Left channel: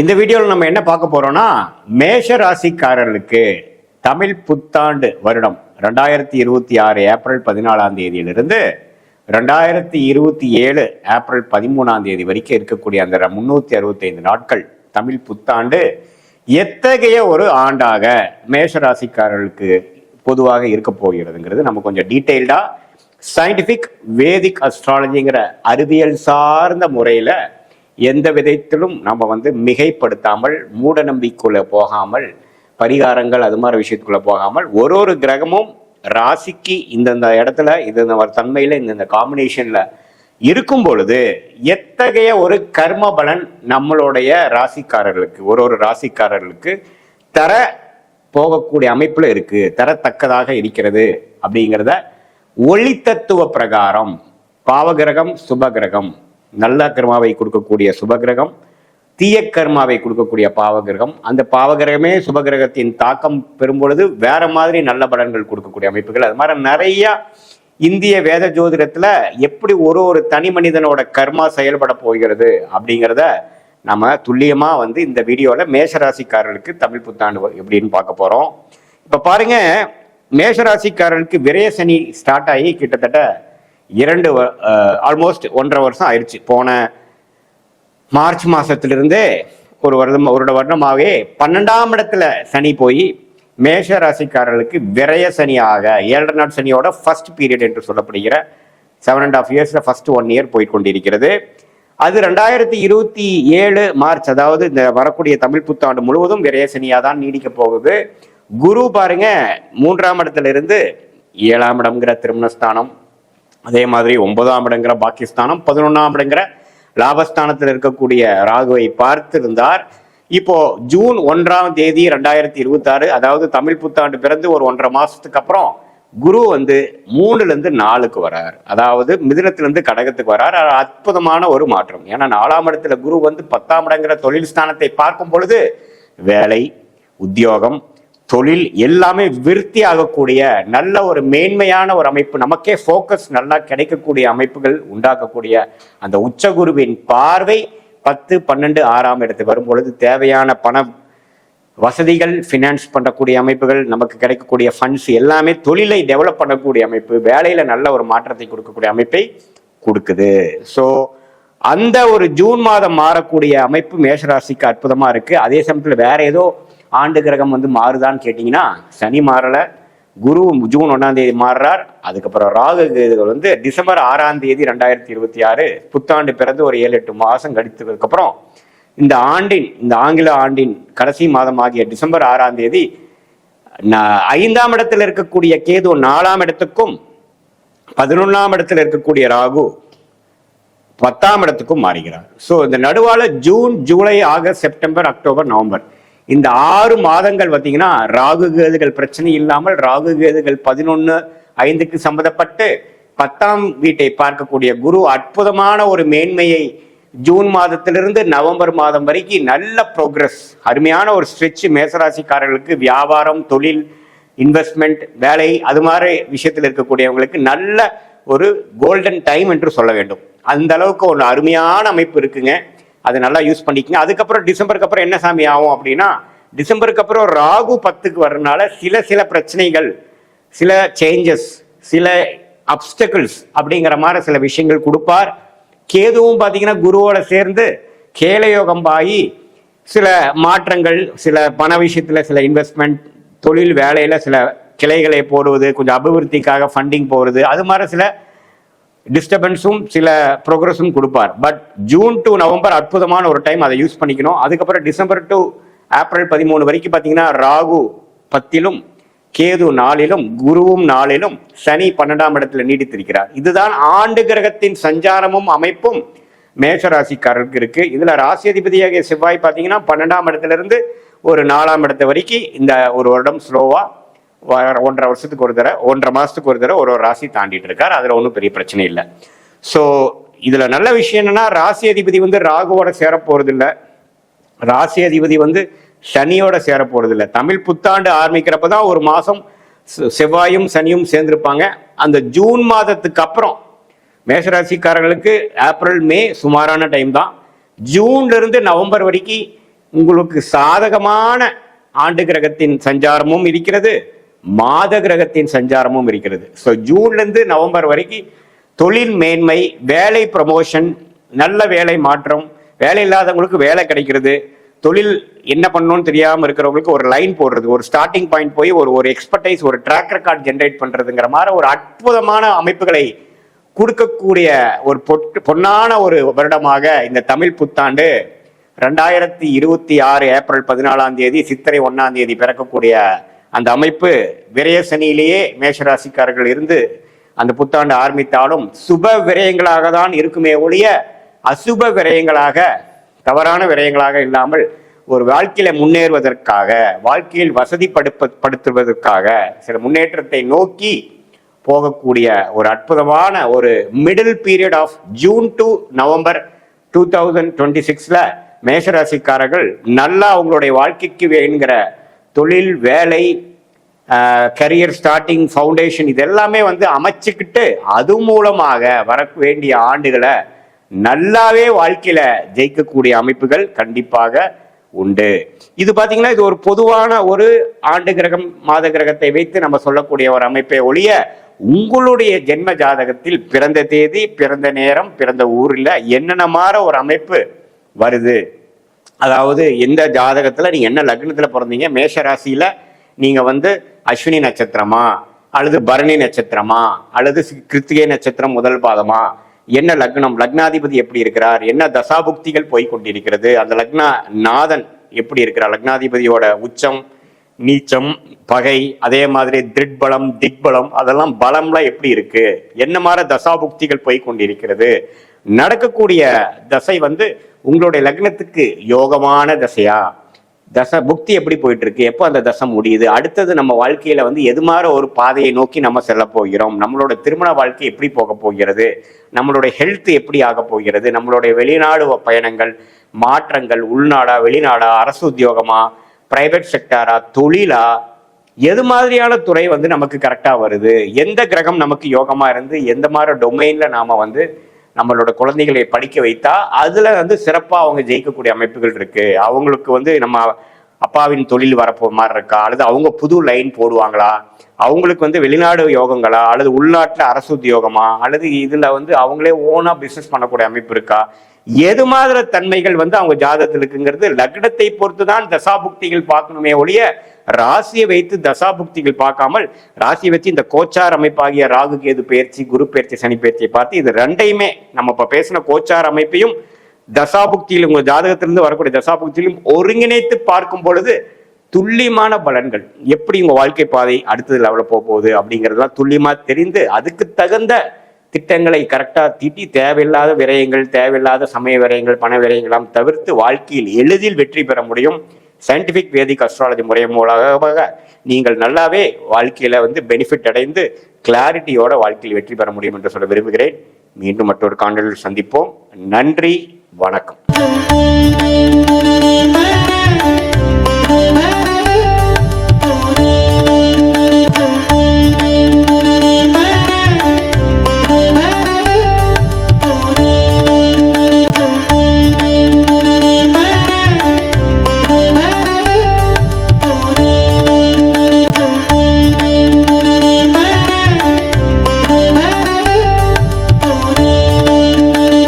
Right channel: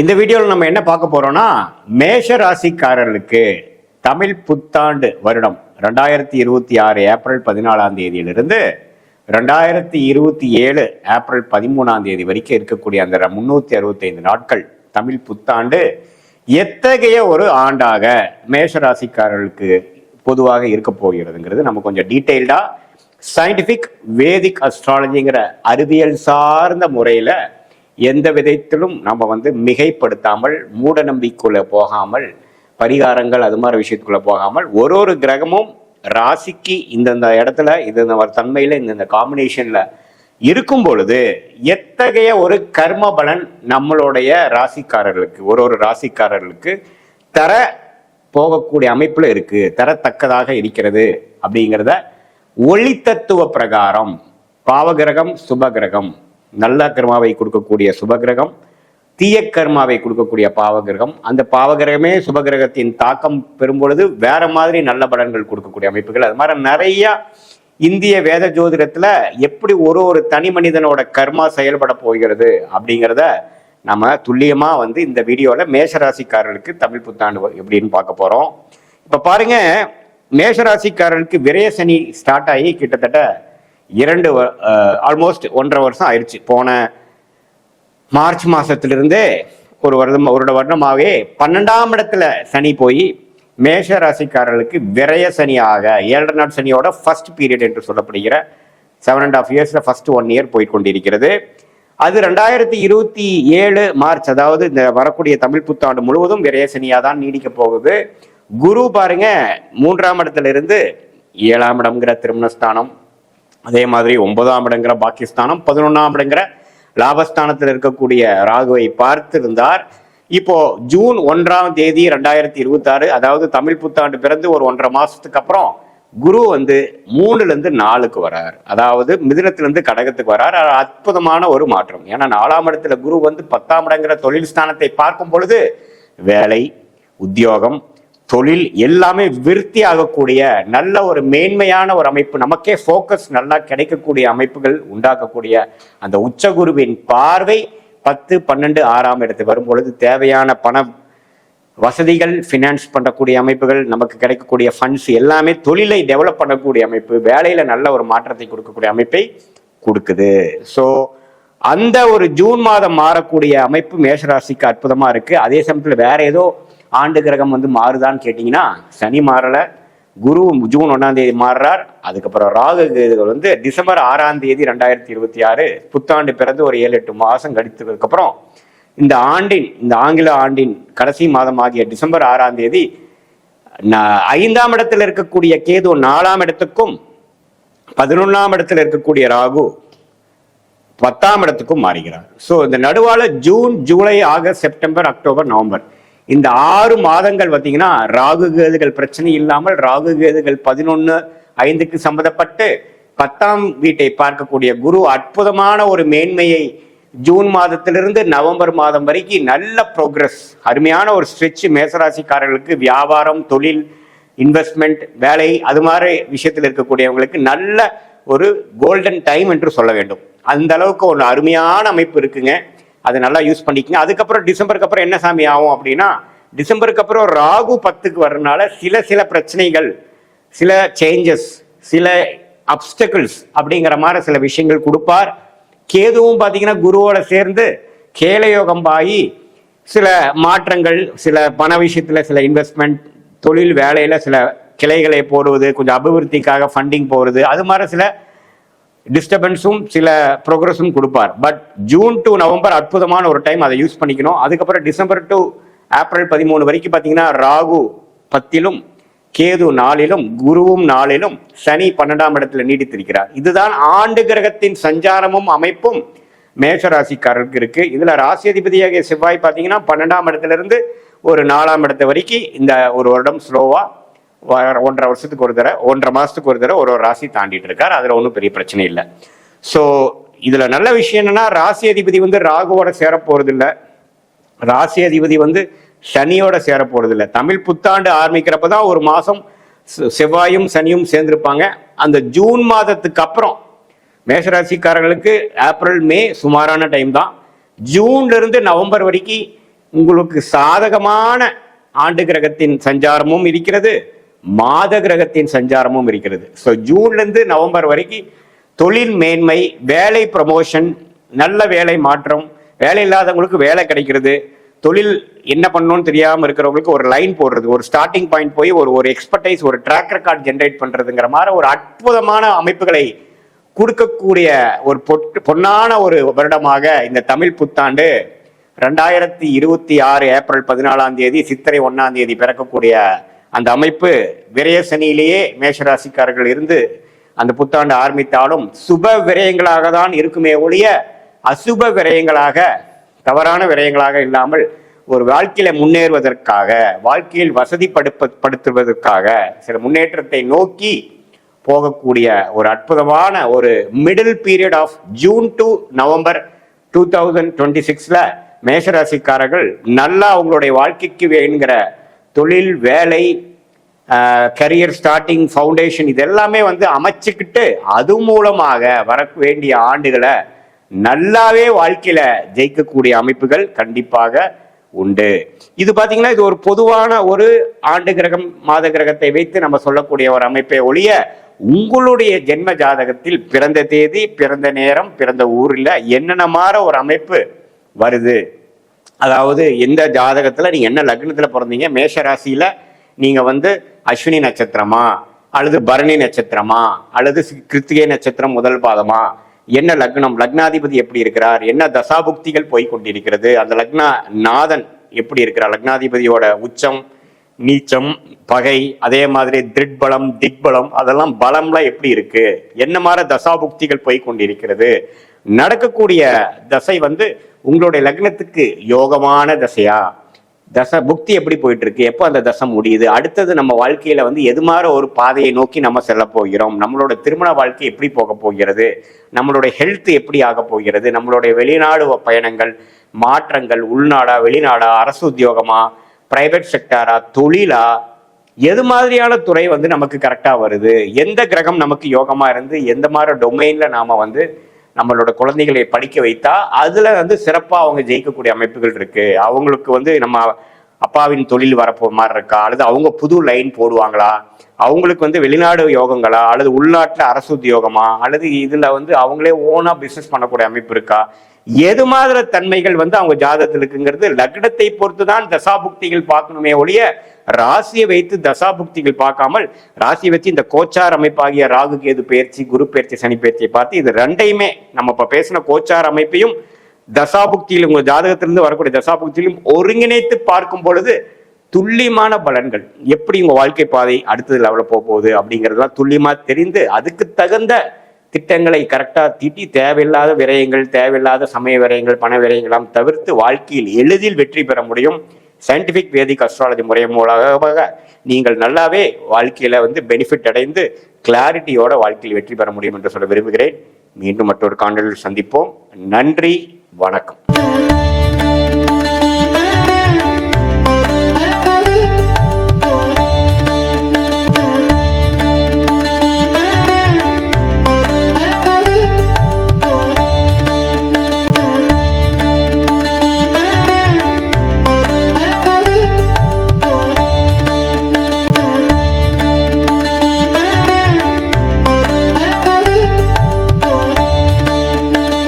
இந்த வீடியோவில் நம்ம என்ன பார்க்க போறோம்னா, மேஷ ராசிக்காரர்களுக்கு தமிழ் புத்தாண்டு வருடம் 2026 ஏப்ரல் 14ஆம் தேதியிலிருந்து 2027 ஏப்ரல் 13ஆம் தேதி வரைக்கும் இருக்கக்கூடிய அந்த 365 நாட்கள் தமிழ் புத்தாண்டு எத்தகைய ஒரு ஆண்டாக மேஷ ராசிக்காரர்களுக்கு பொதுவாக இருக்க போகிறதுங்கிறது நம்ம கொஞ்சம் டீட்டெயில்டா சயின்டிபிக் வேதிக் அஸ்ட்ராலஜிங்கிற அறிவியல் சார்ந்த முறையில எந்த விதத்திலும் நம்ம மிகைப்படுத்தாமல், மூட நம்பிக்கைக்குள்ள போகாமல், பரிகாரங்கள் அது மாதிரி விஷயத்துக்குள்ள போகாமல், ஒரு கிரகமும் ராசிக்கு இந்தந்த இடத்துல இந்த தன்மையில இந்த காம்பினேஷன்ல இருக்கும் பொழுது எத்தகைய ஒரு கர்ம பலன் நம்மளுடைய ராசிக்காரர்களுக்கு ஒரு ராசிக்காரர்களுக்கு தர போகக்கூடிய அமைப்புல இருக்கு, தரத்தக்கதாக இருக்கிறது அப்படிங்கிறத ஒளி தத்துவ பிரகாரம் பாவகிரகம் சுபகிரகம், நல்ல கர்மாவை கொடுக்கக்கூடிய சுபகிரகம், தீய கர்மாவை கொடுக்கக்கூடிய பாவகிரகம், அந்த பாவகிரகமே சுபகிரகத்தின் தாக்கம் பெறும் பொழுது வேற மாதிரி நல்ல பலன்கள் கொடுக்கக்கூடிய அமைப்புகள், அது மாதிரி நிறைய இந்திய வேத ஜோதிடத்துல எப்படி ஒரு தனி மனிதனோட கர்மா செயல்பட போகிறது அப்படிங்கிறத நம்ம துல்லியமா இந்த வீடியோல மேஷராசிக்காரர்களுக்கு தமிழ் புத்தாண்டு எப்படின்னு பார்க்க போறோம். இப்ப பாருங்க, மேஷராசிக்காரர்களுக்கு விரய சனி ஸ்டார்ட் ஆகி கிட்டத்தட்ட ஆல்மோஸ்ட் 1.5 வருஷம் ஆயிடுச்சு. போன மார்ச் மாசத்திலிருந்தே ஒரு வருடமாகவே 12ஆம் இடத்துல சனி போய் மேஷ ராசிக்காரர்களுக்கு விரய சனியாக 7 நாள் சனியோட ஃபர்ஸ்ட் பீரியட் என்று சொல்லப்படுகிற 7.5 இயர்ஸ்ல ஃபர்ஸ்ட் 1 இயர் போய் கொண்டிருக்கிறது. அது 2027 மார்ச், அதாவது இந்த வரக்கூடிய தமிழ் புத்தாண்டு முழுவதும் விரய சனியா தான் நீடிக்க போகுது. குரு பாருங்க 3ஆம் இடத்துல இருந்து 7ஆம் இடம்ங்கிற திருமணஸ்தானம், அதே மாதிரி 9ஆம் இடங்கிற பாக்கியஸ்தானம், 11ஆம் இடங்கிற லாபஸ்தானத்தில் இருக்கக்கூடிய ராகுவை பார்த்திருந்தார். இப்போ ஜூன் 1ஆம் தேதி 2026, அதாவது தமிழ் புத்தாண்டு பிறந்து ஒரு 1.5 மாசத்துக்கு அப்புறம் குரு 3ல இருந்து 4க்கு வரார், அதாவது மிதுனத்திலிருந்து கடகத்துக்கு வரார். அற்புதமான ஒரு மாற்றம். ஏன்னா 4ஆம் இடத்துல குரு 10ஆம் இடங்கிற தொழில் ஸ்தானத்தை பார்க்கும் பொழுது வேலை, உத்தியோகம், தொழில் எல்லாமே விருத்தி ஆகக்கூடிய நல்ல ஒரு மேன்மையான ஒரு அமைப்பு, நமக்கே போக்கஸ் நல்லா கிடைக்கக்கூடிய அமைப்புகள் உண்டாக்கக்கூடிய அந்த உச்சகுருவின் பார்வை 10, 12, 6ஆம் இடத்துக்கு வரும் பொழுது தேவையான பண வசதிகள், பினான்ஸ் பண்ணக்கூடிய அமைப்புகள், நமக்கு கிடைக்கக்கூடிய ஃபண்ட்ஸ் எல்லாமே தொழிலை டெவலப் பண்ணக்கூடிய அமைப்பு, வேலையில நல்ல ஒரு மாற்றத்தை கொடுக்கக்கூடிய அமைப்பை கொடுக்குது. ஸோ அந்த ஒரு ஜூன் மாதம் மாறக்கூடிய அமைப்பு மேஷராசிக்கு அற்புதமா இருக்கு. அதே சமயத்துல வேற ஏதோ ஆண்டு கிரகம் மாறுதான்னு கேட்டீங்கன்னா சனி மாறல, குரு ஜூன் 1ஆம் தேதி மாறுறார். அதுக்கப்புறம் ராகு கேதுகள் டிசம்பர் 6ஆம் தேதி 2026 புத்தாண்டு பிறந்து ஒரு 7-8 மாசம் கழித்ததுக்கு அப்புறம் இந்த ஆங்கில ஆண்டின் கடைசி மாதம் ஆகிய டிசம்பர் 6ஆம் தேதி 5ஆம் இடத்துல இருக்கக்கூடிய கேது 4ஆம் இடத்துக்கும் 11ஆம் இடத்துல இருக்கக்கூடிய ராகு 10ஆம் இடத்துக்கும் மாறுகிறார். ஸோ இந்த நடுவால June, July, August, September, October, November இந்த 6 மாதங்கள் பார்த்தீங்கன்னா ராகு கேதுகள் பிரச்சனை இல்லாமல், ராகு கேதுகள் 11/5க்கு சம்பந்தப்பட்டு 10ஆம் வீட்டை பார்க்கக்கூடிய குரு அற்புதமான ஒரு மேன்மையை ஜூன் மாதத்திலிருந்து நவம்பர் மாதம் வரைக்கும் நல்ல ப்ரோக்ரஸ், அருமையான ஒரு ஸ்ட்ரெச் மேசராசிக்காரர்களுக்கு வியாபாரம், தொழில், இன்வெஸ்ட்மெண்ட், வேலை அது மாதிரி விஷயத்தில் இருக்கக்கூடியவங்களுக்கு நல்ல ஒரு கோல்டன் டைம் என்று சொல்ல வேண்டும். அந்த அளவுக்கு ஒரு அருமையான அமைப்பு இருக்குங்க. அதை நல்லா யூஸ் பண்ணிக்கங்க. அதுக்கப்புறம் டிசம்பருக்கு அப்புறம் என்ன சாமி ஆகும் அப்படின்னா, டிசம்பருக்கு அப்புறம் ராகு 10க்கு வர்றதுனால சில பிரச்சனைகள், சில சேஞ்சஸ், சில அப்டக்கிள்ஸ் அப்படிங்கிற மாதிரி சில விஷயங்கள் கொடுப்பார். கேதுவும் பாத்தீங்கன்னா குருவோட சேர்ந்து கேலயோகம் ஆகி சில மாற்றங்கள், சில பண விஷயத்துல சில இன்வெஸ்ட்மெண்ட், தொழில் வேலையில சில கிளைகளை போடுவது, கொஞ்சம் அபிவிருத்திக்காக ஃபண்டிங் போடுறது, அது மாதிரி சில டிஸ்டர்பன்ஸும் சில ப்ரோக்ரஸும் கொடுப்பார். பட் ஜூன் டு நவம்பர் அற்புதமான ஒரு டைம், அதை யூஸ் பண்ணிக்கணும். அதுக்கப்புறம் டிசம்பர் டு ஏப்ரல் 13 வரைக்கும் பார்த்தீங்கன்னா ராகு 10லும், கேது 4லும், குருவும் 4லும், சனி 12ஆம் இடத்துல நீடித்திருக்கிறார். இதுதான் ஆண்டு கிரகத்தின் சஞ்சாரமும் அமைப்பும் மேசராசிக்காரருக்கு இருக்கு. இதுல ராசி அதிபதியாக செவ்வாய் பார்த்தீங்கன்னா 12ஆம் இடத்துல இருந்து ஒரு 4ஆம் இடத்து வரைக்கும் இந்த ஒரு வருடம் ஸ்லோவா 1.5 வருஷத்துக்கு ஒரு தடவை, 1.5 மாசத்துக்கு ஒரு தடவை ஒரு ராசி தாண்டிட்டு இருக்காரு. அதுல ஒன்றும் பெரிய பிரச்சனை இல்லை. ஸோ இதுல நல்ல விஷயம் என்னன்னா, ராசி அதிபதி ராகுவோட சேர போறது இல்லை, ராசி அதிபதி சனியோட சேர போறது இல்லை. தமிழ் புத்தாண்டு ஆரம்பிக்கிறப்பதான் ஒரு மாசம் செவ்வாயும் சனியும் சேர்ந்திருப்பாங்க. அந்த ஜூன் மாதத்துக்கு அப்புறம் மேஷராசிக்காரர்களுக்கு ஏப்ரல், மே சுமாரான டைம் தான். ஜூன்ல இருந்து நவம்பர் வரைக்கும் உங்களுக்கு சாதகமான ஆண்டு கிரகத்தின் சஞ்சாரமும் இருக்கிறது, மாத கிரகத்தின் சஞ்சாரமும் இருக்கிறது. ஸோ ஜூன்ல இருந்து நவம்பர் வரைக்கும் தொழில் மேன்மை, வேலை ப்ரமோஷன், நல்ல வேலை மாற்றம், வேலை இல்லாதவங்களுக்கு வேலை கிடைக்கிறது, தொழில் என்ன பண்ணணும்னு தெரியாம இருக்கிறவங்களுக்கு ஒரு லைன் போடுறது, ஒரு ஸ்டார்டிங் பாயிண்ட் போய் ஒரு எக்ஸ்பர்டைஸ், ஒரு ட்ராக் ரெக்கார்ட் ஜென்ரேட் பண்றதுங்கிற மாதிரி ஒரு அற்புதமான அமைப்புகளை கொடுக்கக்கூடிய ஒரு பொன்னான ஒரு வருடமாக இந்த தமிழ் புத்தாண்டு 2026 ஏப்ரல் 14ஆம் தேதி சித்திரை 1ஆம் தேதி பிறக்கக்கூடிய அந்த அமைப்பு விரய சனியிலேயே மேஷராசிக்காரர்கள் இருந்து அந்த புத்தாண்டு ஆரம்பித்தாலும் சுப விரயங்களாக தான் இருக்குமே ஒழிய அசுப விரயங்களாக, தவறான விரயங்களாக இல்லாமல் ஒரு வாழ்க்கையில முன்னேறுவதற்காக, வாழ்க்கையில் வசதிப்படுத்துவதற்காக, சில முன்னேற்றத்தை நோக்கி போகக்கூடிய ஒரு அற்புதமான ஒரு middle period of June to November 2026ல மேஷராசிக்காரர்கள் நல்லா அவங்களுடைய வாழ்க்கைக்கு வேணுங்கிற தொழில், வேலை, கரியர் ஸ்டார்டிங், ஃபவுண்டேஷன் இது எல்லாமே அமைச்சுக்கிட்டு அது மூலமாக வர வேண்டிய ஆண்டுகளை நல்லாவே வாழ்க்கையில ஜெயிக்கக்கூடிய அமைப்புகள் கண்டிப்பாக உண்டு. இது பாத்தீங்கன்னா இது ஒரு பொதுவான ஒரு ஆண்டு கிரகம், மாத கிரகத்தை வைத்து நம்ம சொல்லக்கூடிய ஒரு அமைப்பை ஒழிய உங்களுடைய ஜென்ம ஜாதகத்தில் பிறந்த தேதி, பிறந்த நேரம், பிறந்த ஊர்ல என்னென்ன மாதிரி ஒரு அமைப்பு வருது, அதாவது எந்த ஜாதகத்துல நீங்க என்ன லக்னத்துல பிறந்தீங்க, மேஷ ராசியில நீங்க அஸ்வினி நட்சத்திரமா அல்லது பரணி நட்சத்திரமா அல்லது கிருத்திகை நட்சத்திரம் முதல் பாதமா, என்ன லக்னம், லக்னாதிபதி எப்படி இருக்கிறார், என்ன தசாபுக்திகள் போய் கொண்டிருக்கிறது, அந்த லக்ன நாதன் எப்படி இருக்கிறார், லக்னாதிபதியோட உச்சம், நீச்சம், பகை, அதே மாதிரி திக்பலம், திக்பலம், அதெல்லாம் பலம்லாம் எப்படி இருக்கு, என்ன மாதிரி தசாபுக்திகள் போய் கொண்டிருக்கிறது, நடக்கக்கூடிய தசை உங்களுடைய லக்னத்துக்கு யோகமான தசையா, தசை புக்தி எப்படி போயிட்டு இருக்கு, எப்போ அந்த தசை முடியுது, அடுத்தது நம்ம வாழ்க்கையில எது மாதிரி ஒரு பாதையை நோக்கி நம்ம செல்ல போகிறோம், நம்மளோட திருமண வாழ்க்கை எப்படி போக போகிறது, நம்மளுடைய ஹெல்த் எப்படி ஆக போகிறது, நம்மளுடைய வெளிநாடு பயணங்கள், மாற்றங்கள், உள்நாடா வெளிநாடா, அரசு உத்தியோகமா, பிரைவேட் செக்டாரா, தொழிலா, எது மாதிரியான துறை நமக்கு கரெக்டா வருது, எந்த கிரகம் நமக்கு யோகமா இருந்து எந்த மாதிரி டொமைன்ல நாம நம்மளோட குழந்தைகளை படிக்க வைத்தா அதுல சிறப்பா அவங்க ஜெயிக்கக்கூடிய அமைப்புகள் இருக்கு, அவங்களுக்கு நம்ம அப்பாவின் தொழில் வரப்போ மாதிரி இருக்கா, அல்லது அவங்க புது லைன் போடுவாங்களா, அவங்களுக்கு வெளிநாடு யோகங்களா, அல்லது உள்நாட்டுல அரசு உத்தியோகமா, அல்லது இதுல அவங்களே ஓனா பிசினஸ் பண்ணக்கூடிய அமைப்பு இருக்கா, எது மாதிரி தன்மைகள் அவங்க ஜாதகத்தில் இருக்குங்கிறது லக்னத்தை பொறுத்துதான் தசாபுக்திகள் பார்க்கணுமே ஒழிய ராசியை வைத்து தசாபுக்திகள் பார்க்காமல், ராசியை வச்சு இந்த கோச்சார் அமைப்பாகிய ராகு கேது பயிற்சி, குரு பயிற்சி, சனி பயிற்சியை பார்த்து இது ரெண்டையுமே நம்ம இப்ப பேசின கோச்சார் அமைப்பையும் தசாபுக்தியில் உங்க ஜாதகத்திலிருந்து வரக்கூடிய தசாபுக்தியிலும் ஒருங்கிணைத்து பார்க்கும் பொழுது துல்லியமான பலன்கள், எப்படி உங்க வாழ்க்கை பாதை அடுத்தது லெவல போகுது அப்படிங்கறத துல்லியமா தெரிந்து அதுக்கு தகுந்த திட்டங்களை கரெக்டா தீட்டி தேவையில்லாத விரயங்கள், தேவையில்லாத சமய விரயங்கள், பண விரயங்களாம் தவிர்த்து வாழ்க்கையில் எளிதில் வெற்றி பெற முடியும். சயின்டிபிக் வேதிக் அஸ்ட்ராலஜி முறை மூலமாக நீங்கள் நல்லாவே வாழ்க்கையில பெனிஃபிட் அடைந்து கிளாரிட்டியோட வாழ்க்கையில் வெற்றி பெற முடியும் என்று சொல்ல விரும்புகிறேன். மீண்டும் மற்றொரு காணொலியில் சந்திப்போம். நன்றி, வணக்கம்.